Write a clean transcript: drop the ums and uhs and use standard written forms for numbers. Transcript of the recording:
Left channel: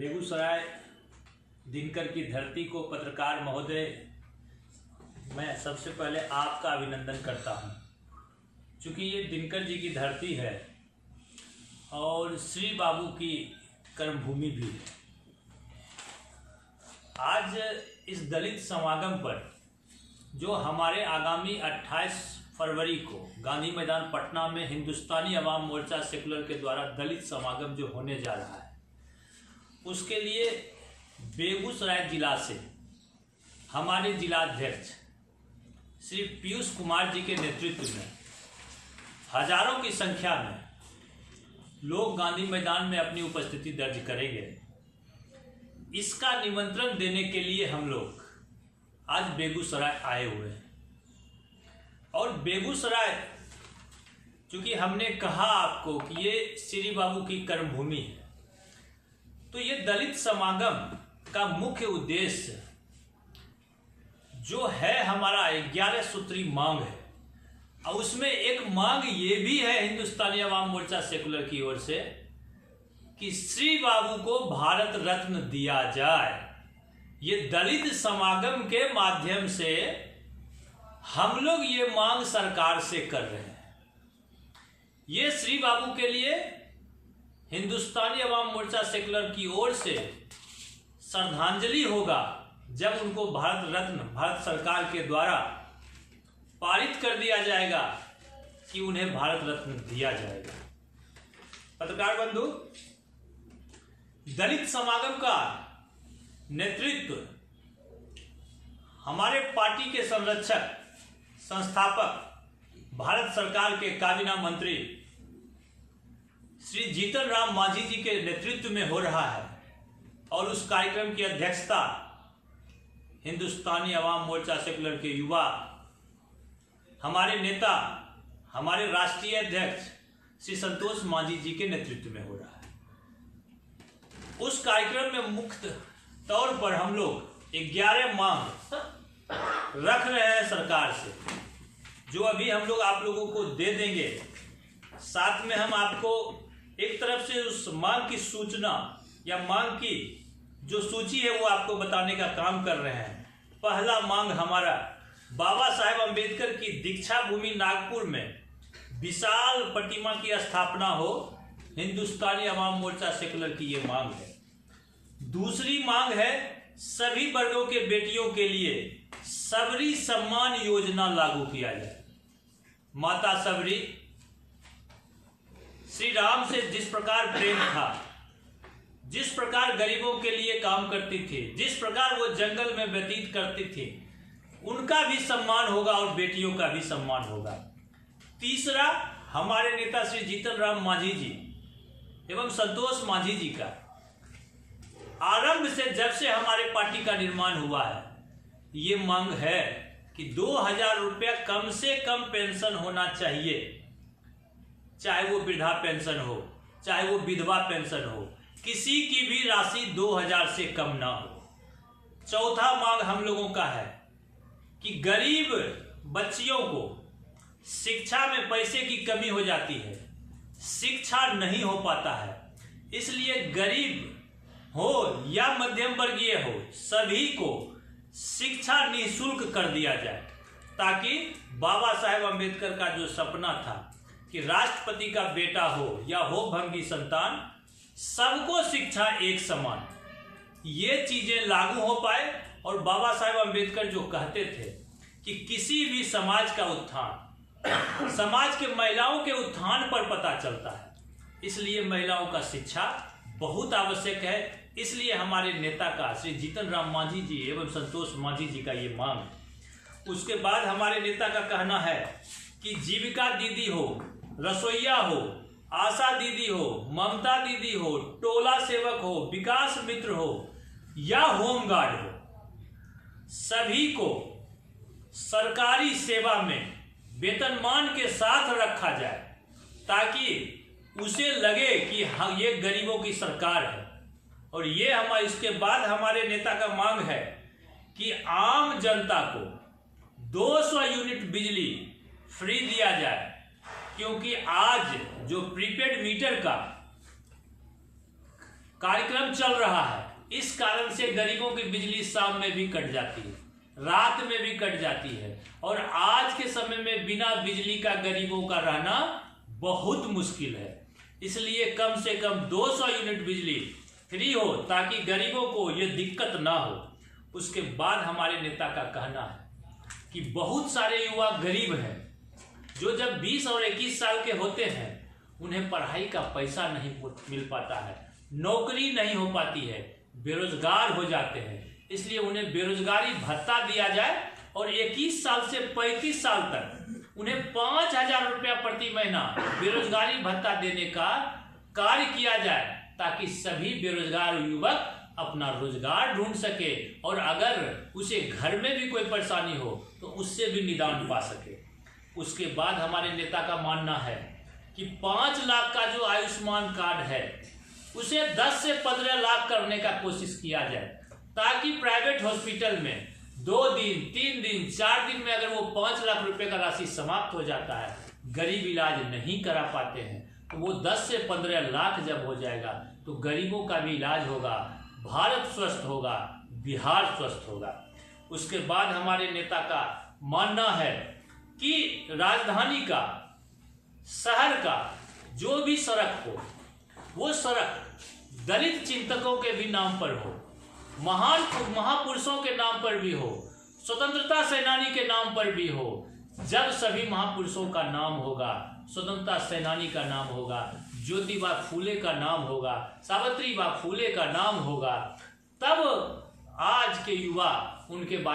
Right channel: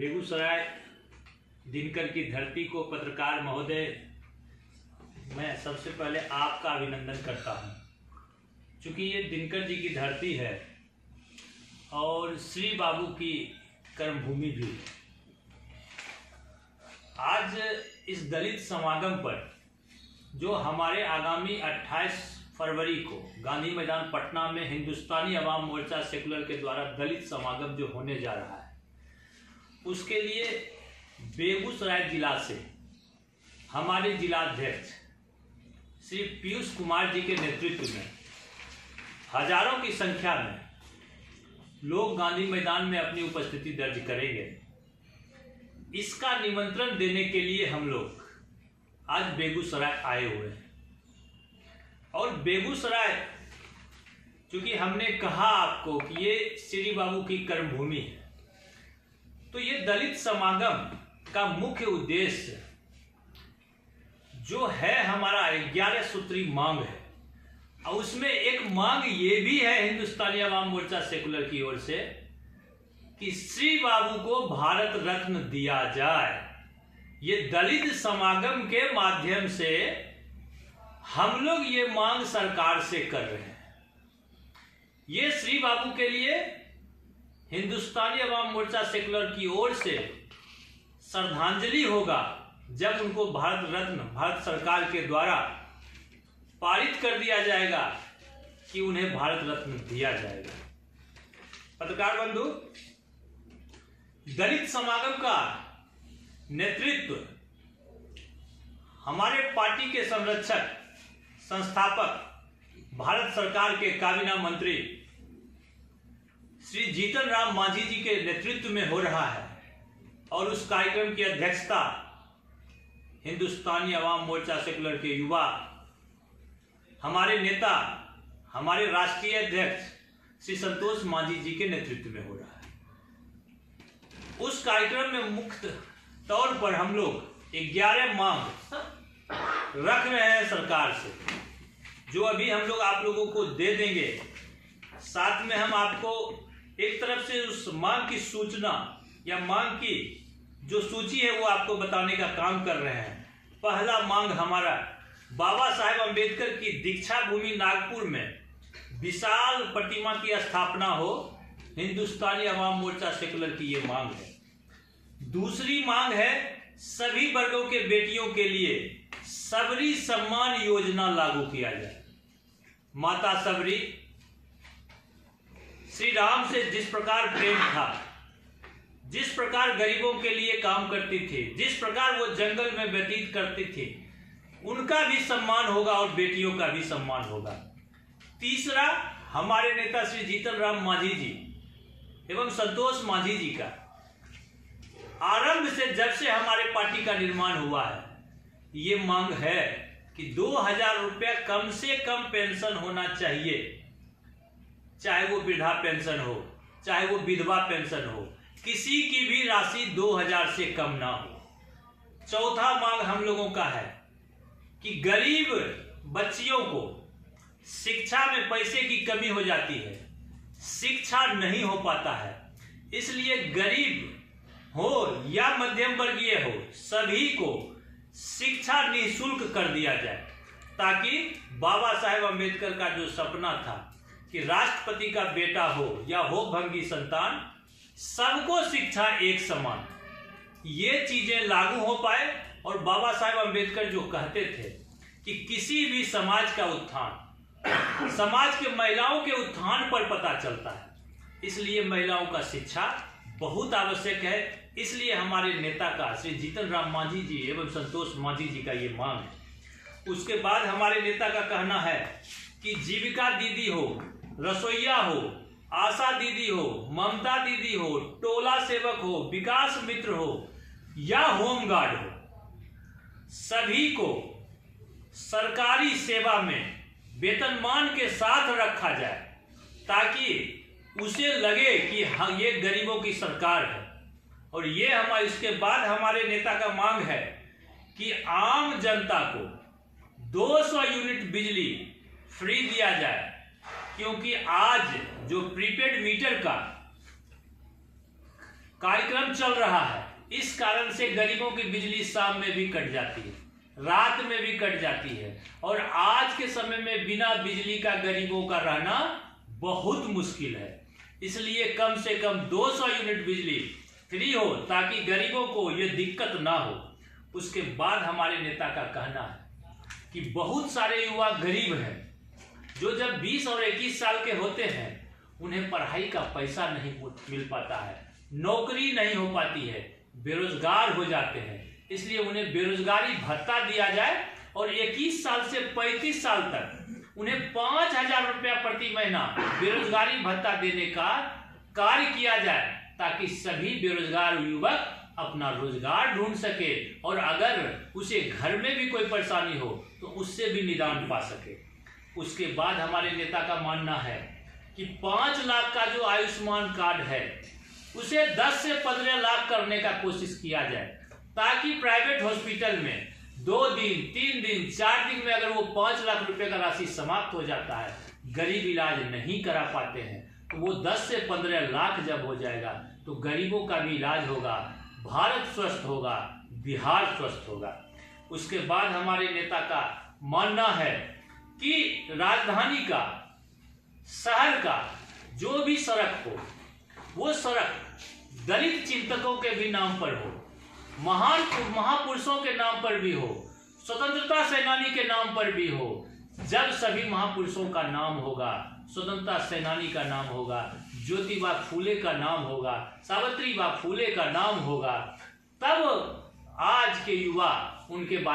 बेगूसराय दिनकर की धरती को पत्रकार महोदय, मैं सबसे पहले आपका अभिनंदन करता हूं, क्योंकि ये दिनकर जी की धरती है और श्री बाबू की कर्मभूमि भी है। आज इस दलित समागम पर जो हमारे आगामी 28 फरवरी को गांधी मैदान पटना में हिंदुस्तानी अवाम मोर्चा सेकुलर के द्वारा दलित समागम जो होने जा रहा है, उसके लिए बेगूसराय जिला से हमारे जिलाध्यक्ष श्री पीयूष कुमार जी के नेतृत्व में हजारों की संख्या में लोग गांधी मैदान में अपनी उपस्थिति दर्ज करेंगे। इसका निमंत्रण देने के लिए हम लोग आज बेगूसराय आए हुए हैं। और बेगूसराय, क्योंकि हमने कहा आपको कि ये श्री बाबू की कर्मभूमि है, तो ये दलित समागम का मुख्य उद्देश्य जो है हमारा 11 सूत्री मांग है, और उसमें एक मांग ये भी है हिंदुस्तानी अवाम मोर्चा सेकुलर की ओर से कि श्री बाबू को भारत रत्न दिया जाए। ये दलित समागम के माध्यम से हम लोग ये मांग सरकार से कर रहे हैं। ये श्री बाबू के लिए हिंदुस्तानी अवाम मोर्चा सेकुलर की ओर से श्रद्धांजलि होगा जब उनको भारत रत्न भारत सरकार के द्वारा पारित कर दिया जाएगा कि उन्हें भारत रत्न दिया जाएगा। पत्रकार बंधु, दलित समागम का नेतृत्व हमारे पार्टी के संरक्षक संस्थापक भारत सरकार के काबीना मंत्री श्री जीतन राम मांझी जी के नेतृत्व में हो रहा है, और उस कार्यक्रम की अध्यक्षता हिंदुस्तानी अवाम मोर्चा सेकुलर के युवा हमारे नेता, हमारे राष्ट्रीय अध्यक्ष श्री संतोष मांझी जी के नेतृत्व में हो रहा है। उस कार्यक्रम में मुख्य तौर पर हम लोग 11 मांग रख रहे हैं सरकार से, जो अभी हम लोग आप लोगों को दे देंगे। साथ में हम आपको एक तरफ से उस मांग की सूचना या मांग की जो सूची है वो आपको बताने का काम कर रहे हैं। पहला मांग हमारा बाबा साहेब अंबेडकर की दीक्षा भूमि नागपुर में विशाल प्रतिमा की स्थापना हो, हिंदुस्तानी अवाम मोर्चा सेकुलर की ये मांग है। दूसरी मांग है सभी वर्गों के बेटियों के लिए सबरी सम्मान योजना लागू किया जाए। माता सबरी श्री राम से जिस प्रकार प्रेम था, जिस प्रकार गरीबों के लिए काम करती थी, जिस प्रकार वो जंगल में व्यतीत करती थी, उनका भी सम्मान होगा और बेटियों का भी सम्मान होगा। तीसरा, हमारे नेता श्री जीतन राम मांझी जी एवं संतोष मांझी जी का आरंभ से जब से हमारे पार्टी का निर्माण हुआ है, ये मांग है कि 2000 रुपया कम से कम पेंशन होना चाहिए, चाहे वो वृद्धा पेंशन हो, चाहे वो विधवा पेंशन हो, किसी की भी राशि 2000 से कम ना हो। चौथा मांग हम लोगों का है कि गरीब बच्चियों को शिक्षा में पैसे की कमी हो जाती है, शिक्षा नहीं हो पाता है, इसलिए गरीब हो या मध्यम वर्गीय हो, सभी को शिक्षा निःशुल्क कर दिया जाए, ताकि बाबा साहेब अंबेडकर का जो सपना था कि राष्ट्रपति का बेटा हो या हो भंगी संतान, सबको शिक्षा एक समान, ये चीजें लागू हो पाए। और बाबा साहेब अंबेडकर जो कहते थे कि किसी भी समाज का उत्थान समाज के महिलाओं के उत्थान पर पता चलता है, इसलिए महिलाओं का शिक्षा बहुत आवश्यक है। इसलिए हमारे नेता का श्री जीतन राम मांझी जी एवं संतोष मांझी जी का ये मांग है। उसके बाद हमारे नेता का कहना है कि जीविका दीदी हो, रसोईया हो, आशा दीदी हो, ममता दीदी हो, टोला सेवक हो, विकास मित्र हो या होमगार्ड हो, सभी को सरकारी सेवा में वेतनमान के साथ रखा जाए, ताकि उसे लगे कि हाँ, ये गरीबों की सरकार है। और ये हमारे इसके बाद हमारे नेता का मांग है कि आम जनता को 200 यूनिट बिजली फ्री दिया जाए, क्योंकि आज जो प्रीपेड मीटर का कार्यक्रम चल रहा है, इस कारण से गरीबों की बिजली शाम में भी कट जाती है, रात में भी कट जाती है। और आज के समय में बिना बिजली का गरीबों का रहना बहुत मुश्किल है। इसलिए कम से कम 200 यूनिट बिजली फ्री हो ताकि गरीबों को ये दिक्कत ना हो। उसके बाद हमारे नेता का कहना है कि बहुत सारे युवा गरीब हैं जो जब 20 और 21 साल के होते हैं उन्हें पढ़ाई का पैसा नहीं मिल पाता है, नौकरी नहीं हो पाती है, बेरोजगार हो जाते हैं। इसलिए उन्हें बेरोजगारी भत्ता दिया जाए और 21 साल से 35 साल तक उन्हें 5,000 रुपया प्रति महीना बेरोजगारी भत्ता देने का कार्य किया जाए ताकि सभी बेरोजगार युवक अपना रोजगार ढूंढ सके और अगर उसे घर में भी कोई परेशानी हो तो उससे भी निदान पा सके। उसके बाद हमारे नेता का मानना है कि 5 लाख का जो आयुष्मान कार्ड है उसे 10 से 15 लाख करने का कोशिश किया जाए ताकि प्राइवेट हॉस्पिटल में 2 दिन 3 दिन 4 दिन में अगर वो 5 लाख रुपए का राशि समाप्त हो जाता है, गरीब इलाज नहीं करा पाते हैं, तो वो 10 से 15 लाख जब हो जाएगा तो गरीबों का भी इलाज होगा, भारत स्वस्थ होगा, बिहार स्वस्थ होगा। उसके बाद हमारे नेता का मानना है कि राजधानी का, शहर का जो भी सड़क हो वो सड़क दलित चिंतकों के भी नाम पर हो, महान महापुरुषों के नाम पर भी हो, स्वतंत्रता सेनानी के नाम पर भी हो। जब सभी महापुरुषों का नाम होगा, स्वतंत्रता सेनानी का नाम होगा, ज्योतिबा फूले का नाम होगा, सावित्रीबाई फूले का नाम होगा, तब आज के युवा उनके बारे